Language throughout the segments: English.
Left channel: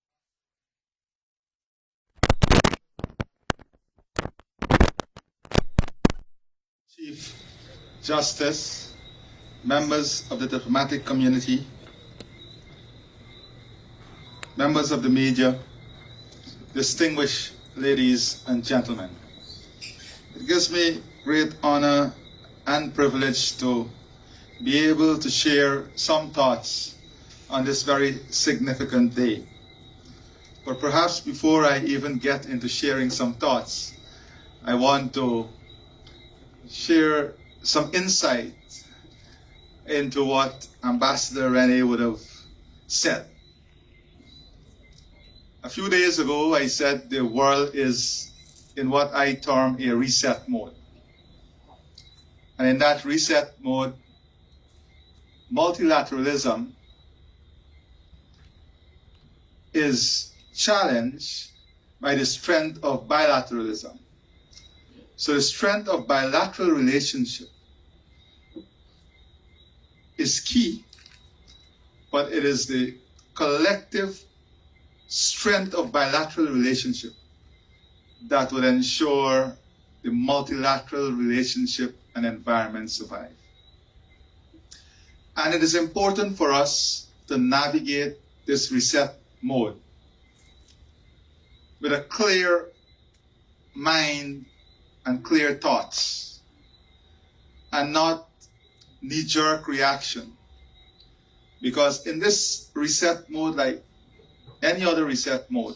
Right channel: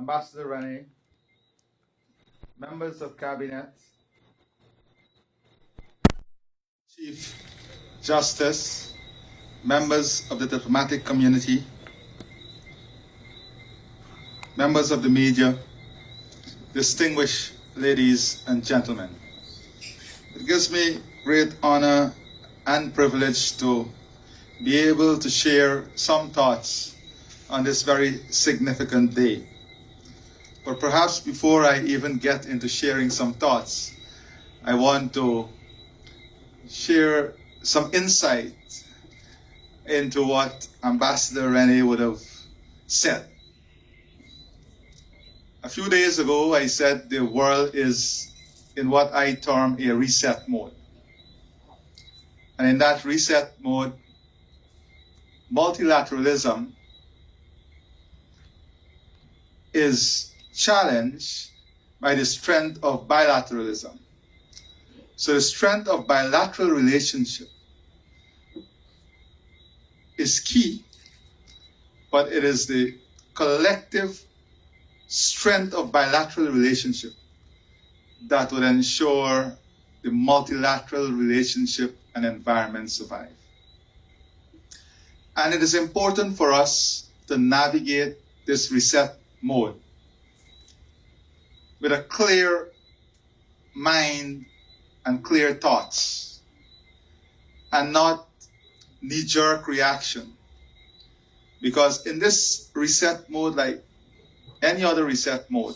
Ambassador Rene, members of Cabinet, Chief Justice, members of the diplomatic community, members of the media, distinguished ladies and gentlemen. It gives me great honor and privilege to be able to share some thoughts on this very significant day. But perhaps before I even get into sharing some thoughts, I want to share some insight into what Ambassador Rene would have said. A few days ago, I said the world is in what I term a reset mode. And in that reset mode, multilateralism is challenged by the strength of bilateralism. So the strength of bilateral relationship is key, but it is the collective strength of bilateral relationship that will ensure the multilateral relationship and environment survive. And it is important for us to navigate this reset mode with a clear mind and clear thoughts, and not knee-jerk reaction. Because in this reset mode, like any other reset mode,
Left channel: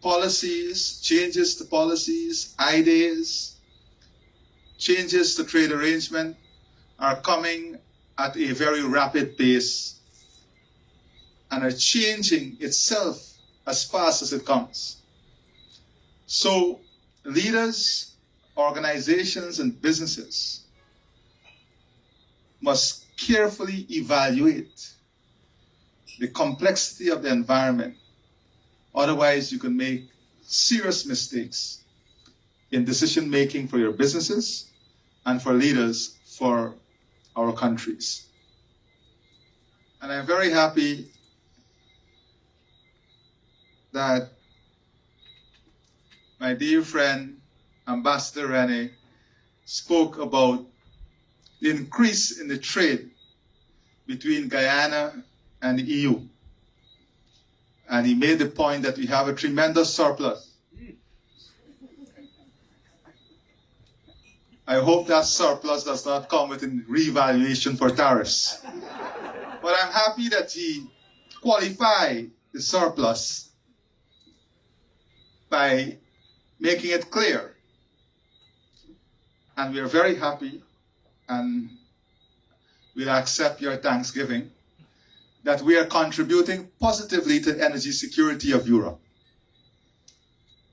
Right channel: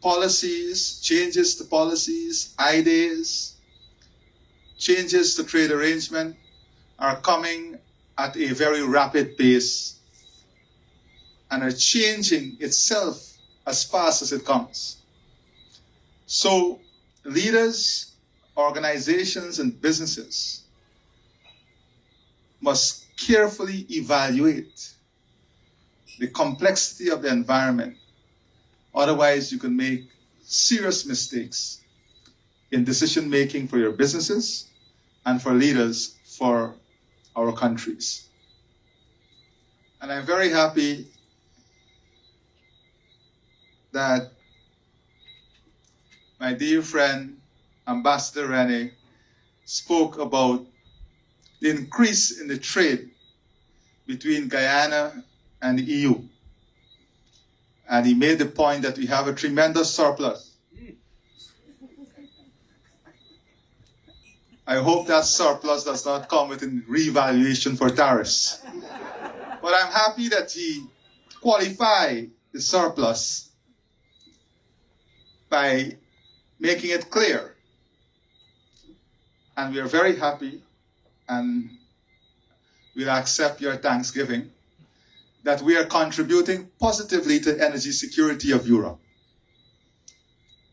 policies, changes to policies, ideas, changes to trade arrangement are coming at a very rapid pace and are changing itself as fast as it comes. So leaders, organizations, and businesses must carefully evaluate the complexity of the environment. Otherwise, you can make serious mistakes in decision making for your businesses and for leaders for our countries. And I'm very happy that my dear friend, Ambassador Rene, spoke about the increase in the trade between Guyana and the EU. And he made the point that we have a tremendous surplus. I hope that surplus does not come with a revaluation for tariffs. But I'm happy that he qualified the surplus by making it clear. And we are very happy, and we'll accept your thanksgiving, that we are contributing positively to the energy security of Europe.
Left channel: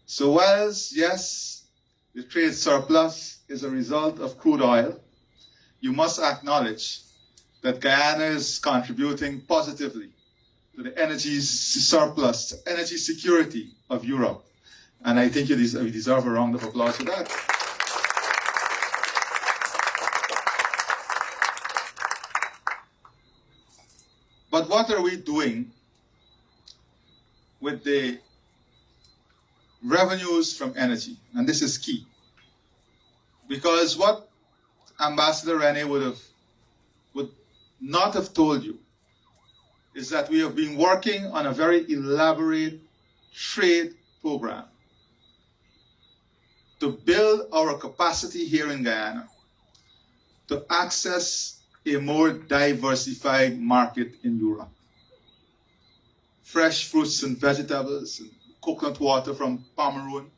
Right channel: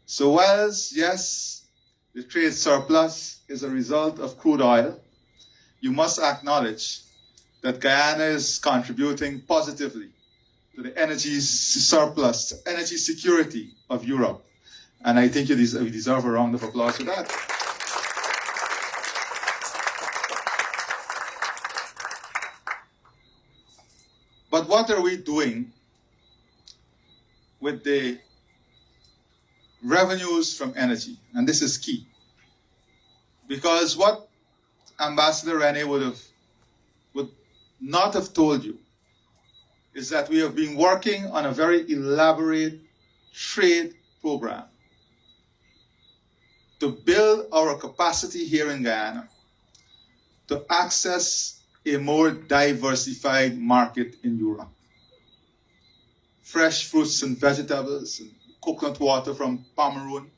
So whilst, yes, the trade surplus is a result of crude oil, you must acknowledge that Guyana is contributing positively to the energy surplus, energy security of Europe. And I think you deserve a round of applause for that. But what are we doing with the revenues from energy? And this is key. Because what Ambassador Rene would not have told you is that we have been working on a very elaborate trade program to build our capacity here in Guyana to access a more diversified market in Europe. Fresh fruits and vegetables, and coconut water from Pomeroon.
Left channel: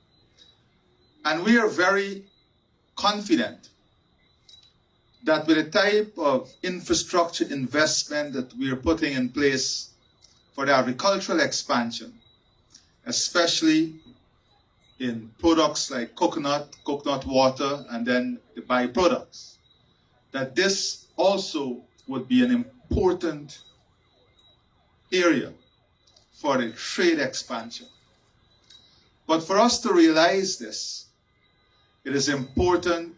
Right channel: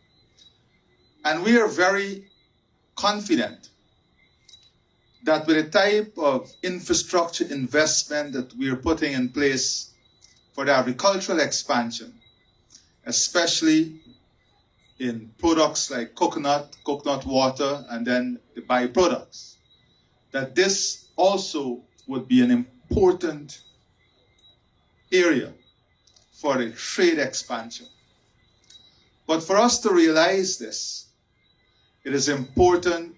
And we are very confident that with the type of infrastructure investment that we are putting in place for the agricultural expansion, especially in products like coconut water, and then the byproducts, that this also would be an important area for the trade expansion. But for us to realize this, it is important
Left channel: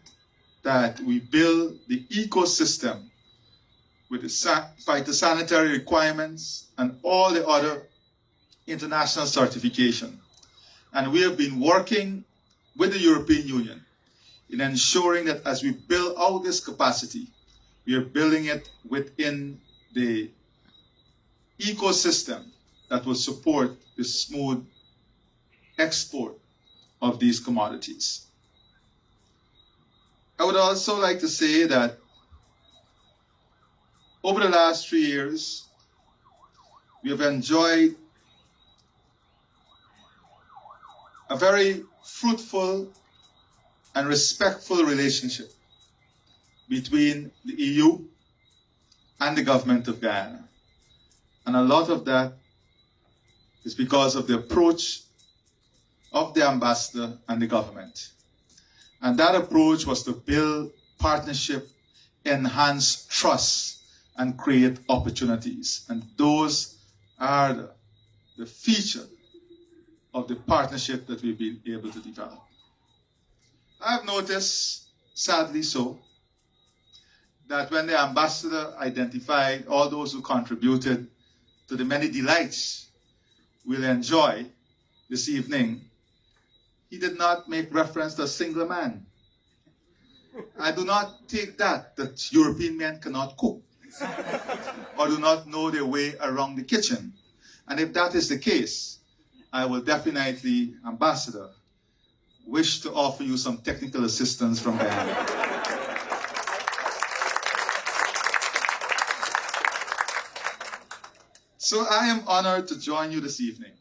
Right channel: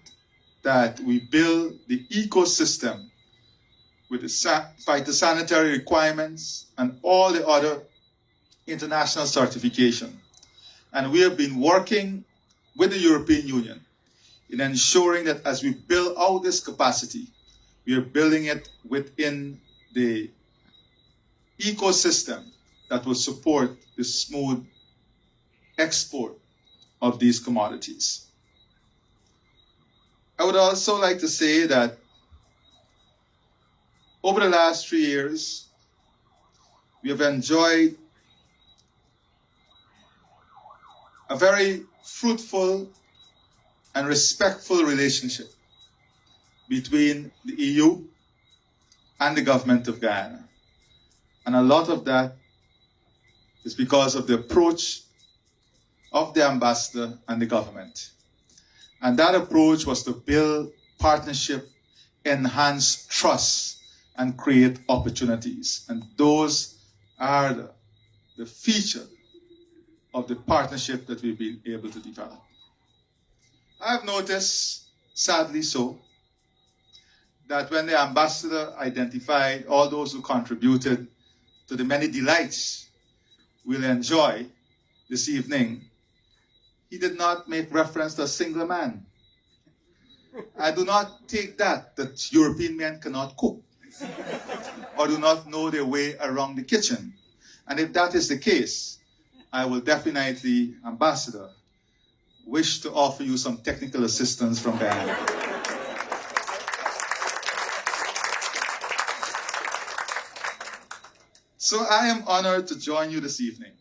that we build the ecosystem with the phytosanitary requirements and all the other international certification. And we have been working with the European Union in ensuring that as we build out this capacity, we are building it within the ecosystem that will support the smooth export of these commodities. I would also like to say that over the last 3 years, we have enjoyed a very fruitful and respectful relationship between the EU and the government of Guyana. And a lot of that is because of the approach of the ambassador and the government. And that approach was to build partnership, enhance trust, and create opportunities. And those are the feature of the partnership that we've been able to develop. I've noticed, sadly so, that when the ambassador identified all those who contributed to the many delights we'll enjoy this evening, he did not make reference to a single man. I do not take that European men cannot cook or do not know their way around the kitchen. And if that is the case, I will definitely, Ambassador, wish to offer you some technical assistance from Guyana. So I am honored to join you this evening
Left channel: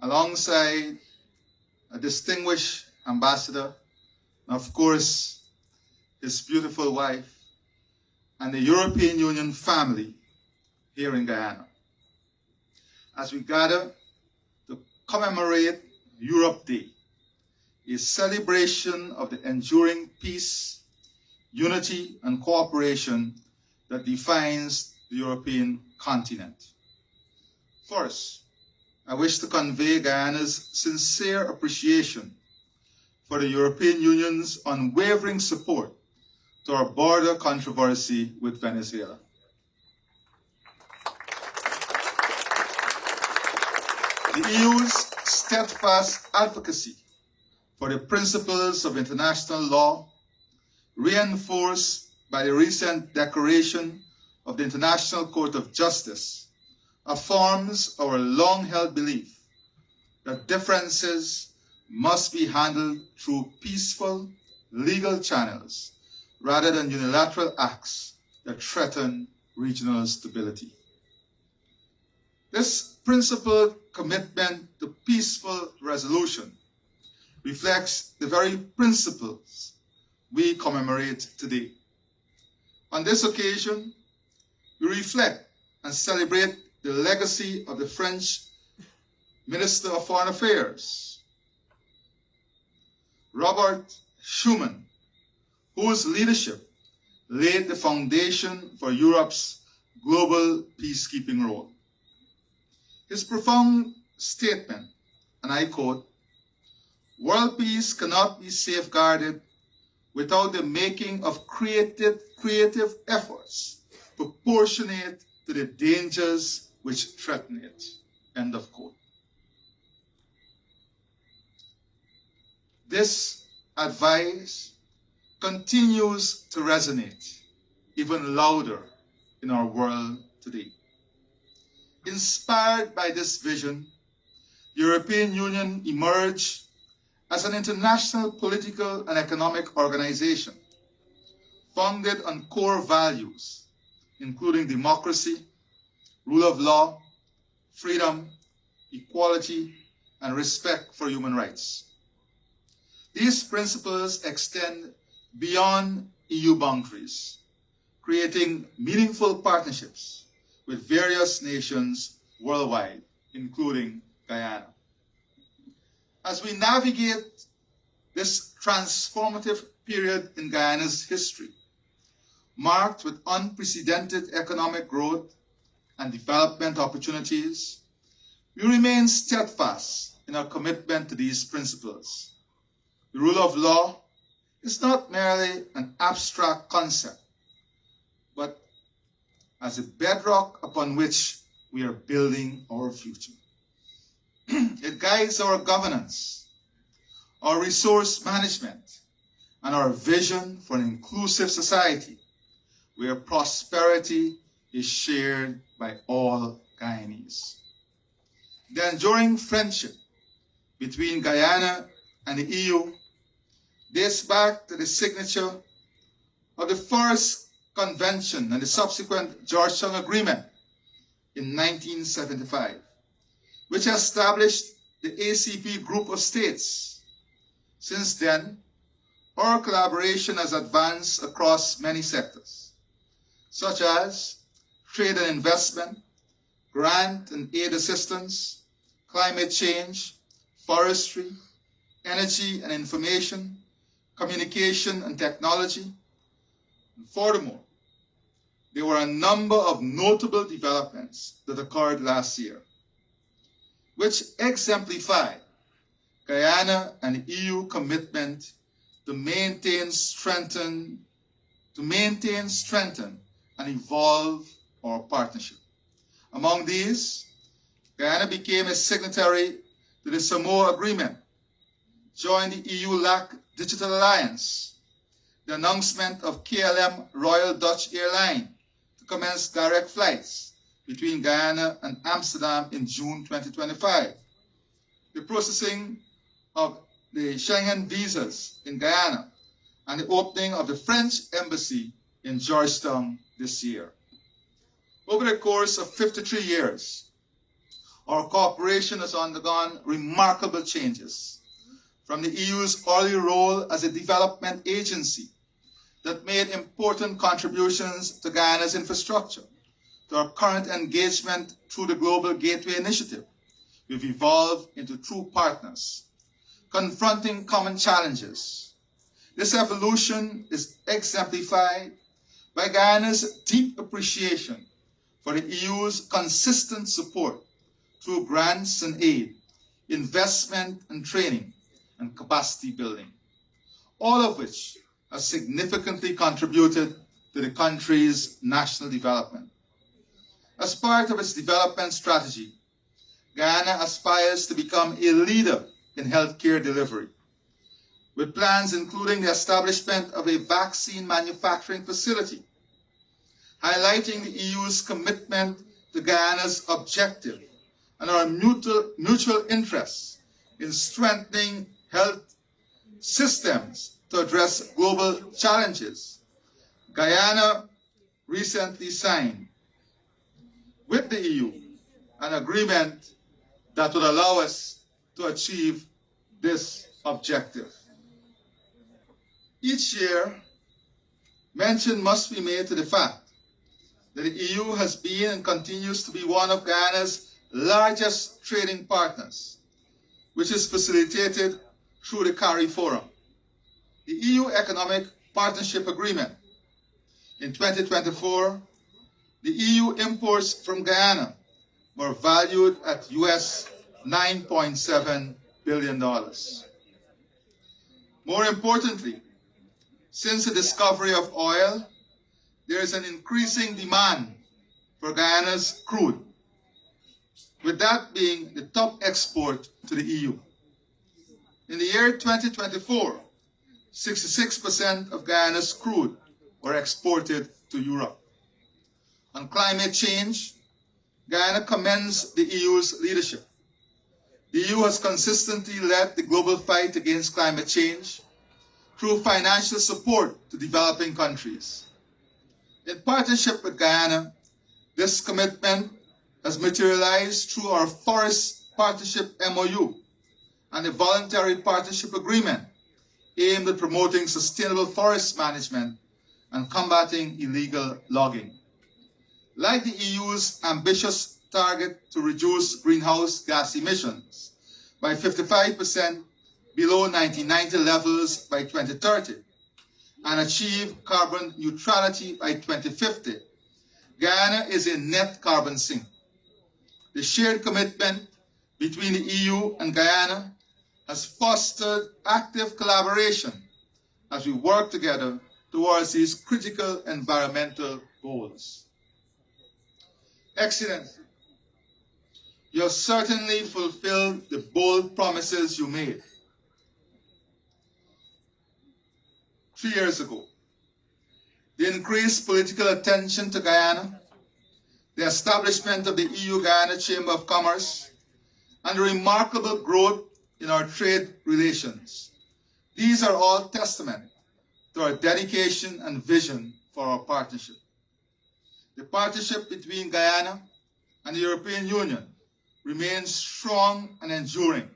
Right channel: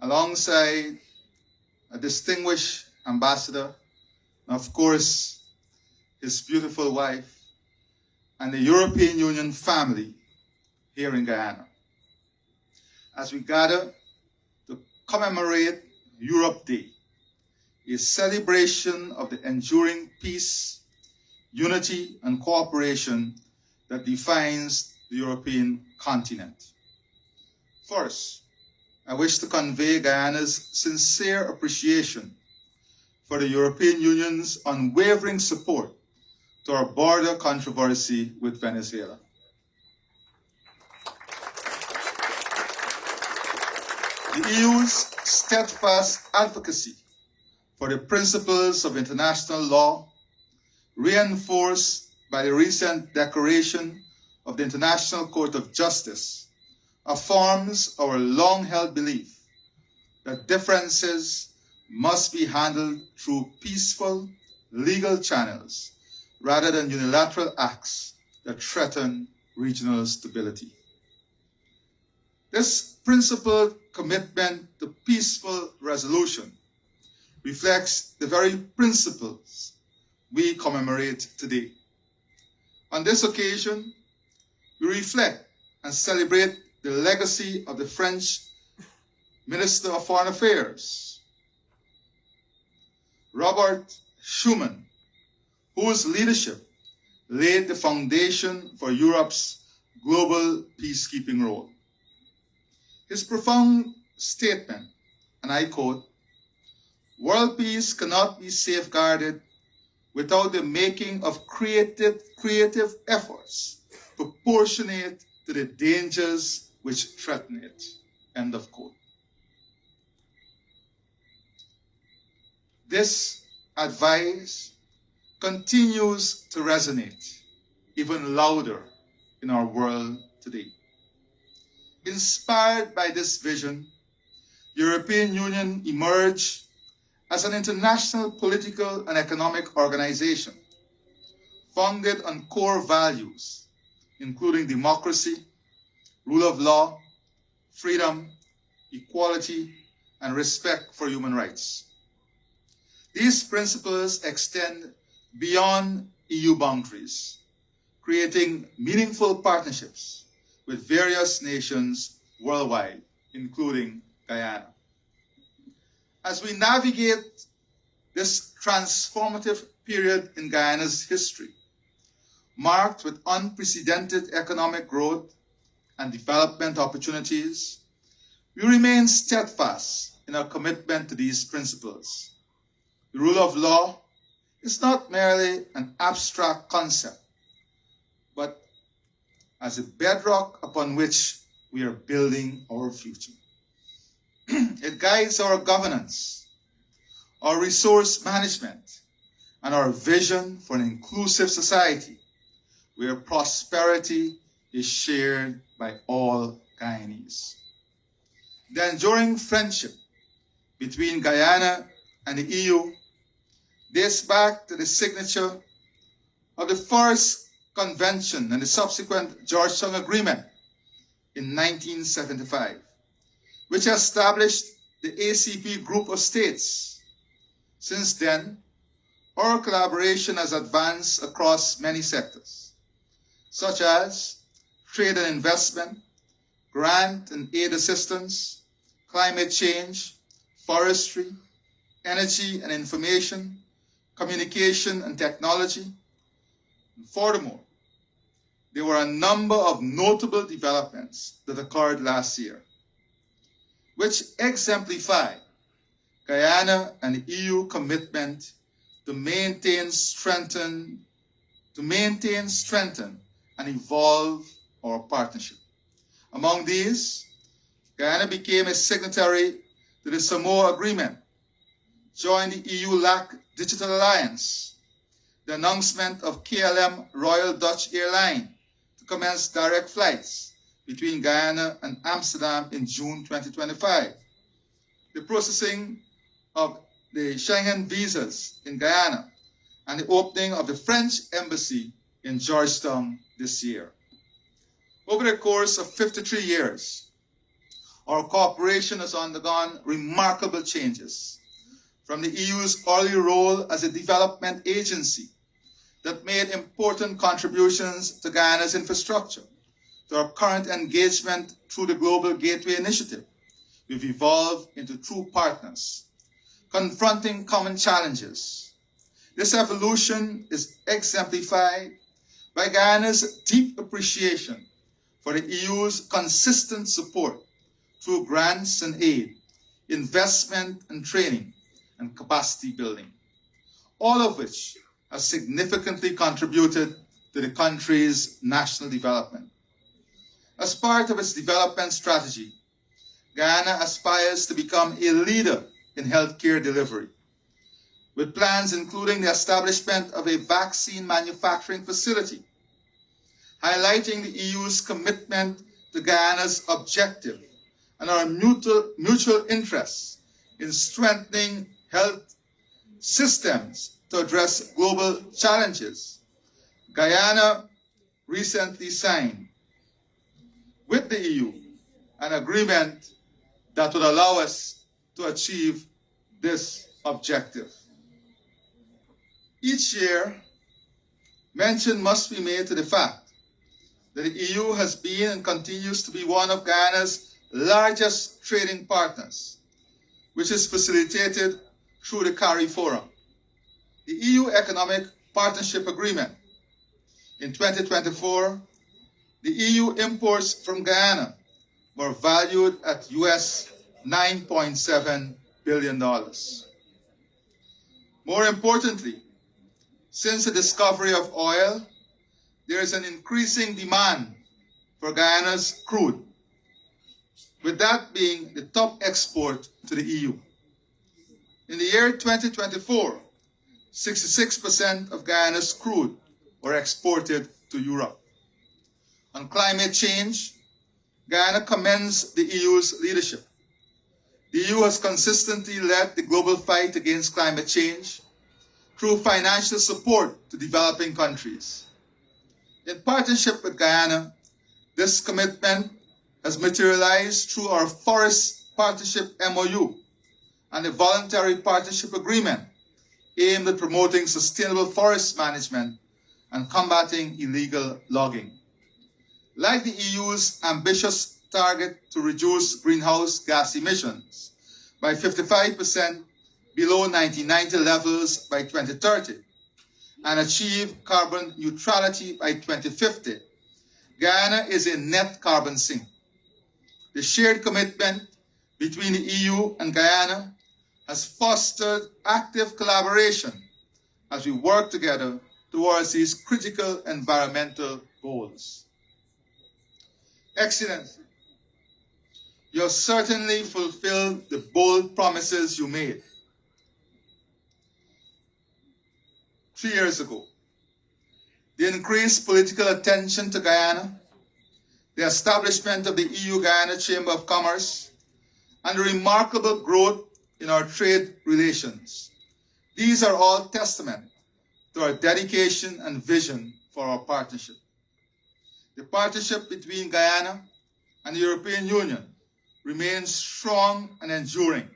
alongside a distinguished ambassador, and of course, his beautiful wife, and the European Union family here in Guyana, as we gather to commemorate Europe Day, a celebration of the enduring peace, unity, and cooperation that defines the European continent. First, I wish to convey Guyana's sincere appreciation for the European Union's unwavering support to our border controversy with Venezuela. The EU's steadfast advocacy for the principles of international law, reinforced by the recent declaration of the International Court of Justice, affirms our long-held belief that differences must be handled through peaceful, legal channels rather than unilateral acts that threaten regional stability. This principled commitment to peaceful resolution reflects the very principles we commemorate today. On this occasion, we reflect and celebrate the legacy of the French Minister of Foreign Affairs, Robert Schuman, whose leadership laid the foundation for Europe's global peacekeeping role. His profound statement, and I quote, "World peace cannot be safeguarded without the making of creative efforts proportionate to the dangers which threaten it." End of quote. This advice continues to resonate even louder in our world today. Inspired by this vision, the European Union emerged as an international political and economic organization founded on core values, including democracy, rule of law, freedom, equality, and respect for human rights. These principles extend beyond EU boundaries, creating meaningful partnerships with various nations worldwide, including Guyana. As we navigate this transformative period in Guyana's history, marked with unprecedented economic growth and development opportunities, we remain steadfast in our commitment to these principles. The rule of law is not merely an abstract concept, but as a bedrock upon which we are building our future. It guides our governance, our resource management, and our vision for an inclusive society where prosperity is shared by all Guyanese. The enduring friendship between Guyana and the EU dates back to the signature of the Forest Convention and the subsequent Georgetown Agreement in 1975, which established the ACP group of states. Since then, our collaboration has advanced across many sectors, such as trade and investment, grant and aid assistance, climate change, forestry, energy and information, communication and technology. And furthermore, there were a number of notable developments that occurred last year, which exemplify Guyana and the EU commitment to maintain, strengthen, and evolve our partnership. Among these, Guyana became a signatory to the Samoa Agreement, joined the EU-LAC Digital Alliance, the announcement of KLM Royal Dutch Airline to commence direct flights between Guyana and Amsterdam in June 2025, the processing of the Schengen visas in Guyana, and the opening of the French embassy in Georgetown this year. Over the course of 53 years, our cooperation has undergone remarkable changes, from the EU's early role as a development agency that made important contributions to Guyana's infrastructure, to our current engagement through the Global Gateway Initiative. We've evolved into true partners, confronting common challenges. This evolution is exemplified by Guyana's deep appreciation for the EU's consistent support through grants and aid, investment and training, and capacity building, all of which have significantly contributed to the country's national development. As part of its development strategy, Guyana aspires to become a leader in healthcare delivery, with plans including the establishment of a vaccine manufacturing facility, highlighting the EU's commitment to Guyana's objective and our mutual interests in strengthening health systems to address global challenges. Guyana recently signed with the EU an agreement that would allow us to achieve this objective. Each year, mention must be made to the fact that the EU has been and continues to be one of Guyana's largest trading partners, which is facilitated through the CARI Forum. The EU Economic Partnership Agreement. In 2024, the EU imports from Guyana were valued at US $9.7 billion. More importantly, since the discovery of oil, there is an increasing demand for Guyana's crude, with that being the top export to the EU. In the year 2024, 66% of Guyana's crude were exported to Europe. On climate change, Guyana commends the EU's leadership. The EU has consistently led the global fight against climate change through financial support to developing countries. In partnership with Guyana, this commitment has materialized through our Forest Partnership MOU and the Voluntary Partnership Agreement aimed at promoting sustainable forest management and combating illegal logging. Like the EU's ambitious target to reduce greenhouse gas emissions by 55% below 1990 levels by 2030 and achieve carbon neutrality by 2050, Guyana is a net carbon sink. The shared commitment between the EU and Guyana has fostered active collaboration as we work together towards these critical environmental goals. Excellency, you have certainly fulfilled the bold promises you made 3 years ago. The increased political attention to Guyana, the establishment of the EU-Guyana Chamber of Commerce, and the remarkable growth in our trade relations. These are all testament to our dedication and vision for our partnership. The partnership between Guyana and the European Union remains strong and enduring,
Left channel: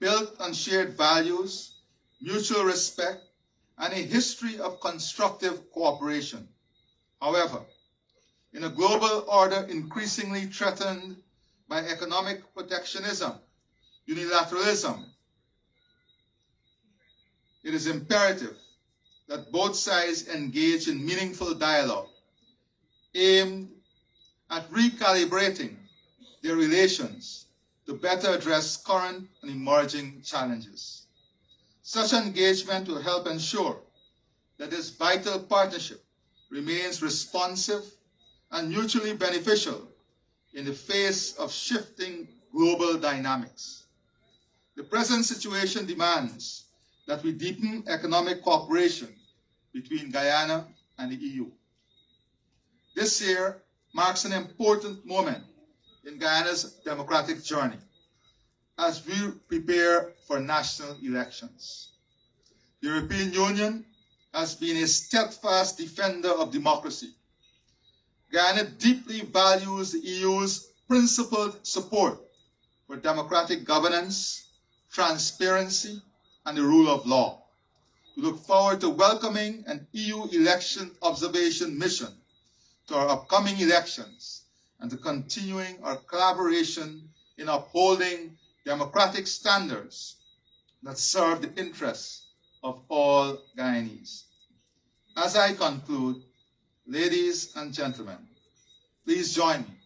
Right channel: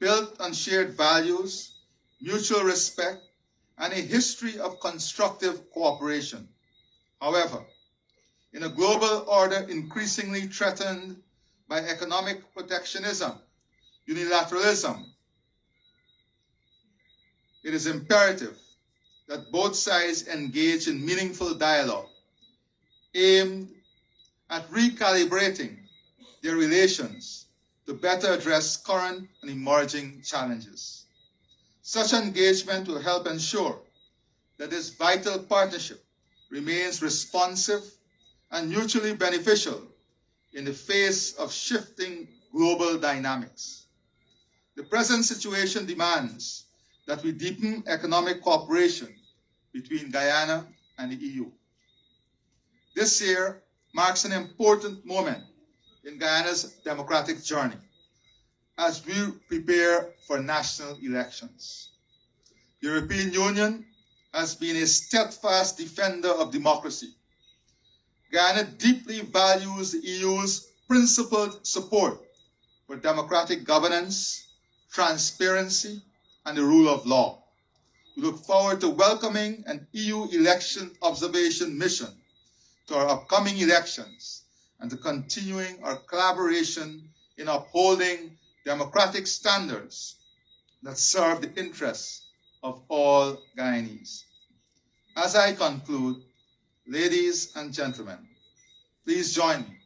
built on shared values, mutual respect, and a history of constructive cooperation. However, in a global order increasingly threatened by economic protectionism, unilateralism, it is imperative that both sides engage in meaningful dialogue aimed at recalibrating their relations to better address current and emerging challenges. Such engagement will help ensure that this vital partnership remains responsive and mutually beneficial in the face of shifting global dynamics. The present situation demands that we deepen economic cooperation between Guyana and the EU. This year marks an important moment in Guyana's democratic journey as we prepare for national elections. The European Union has been a steadfast defender of democracy. Guyana deeply values the EU's principled support for democratic governance, transparency, and the rule of law. We look forward to welcoming an EU election observation mission to our upcoming elections and to continuing our collaboration in upholding democratic standards that serve the interests of all Guyanese. As I conclude, ladies and gentlemen, please join me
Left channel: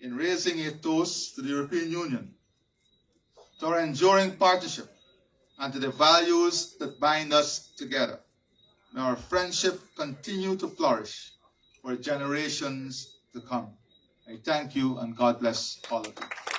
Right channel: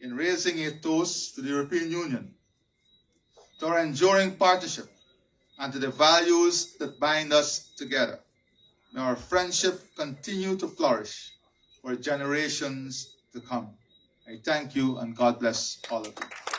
in raising a toast to the European Union, to our enduring partnership, and to the values that bind us together. May our friendship continue to flourish for generations to come. I thank you and God bless all of you.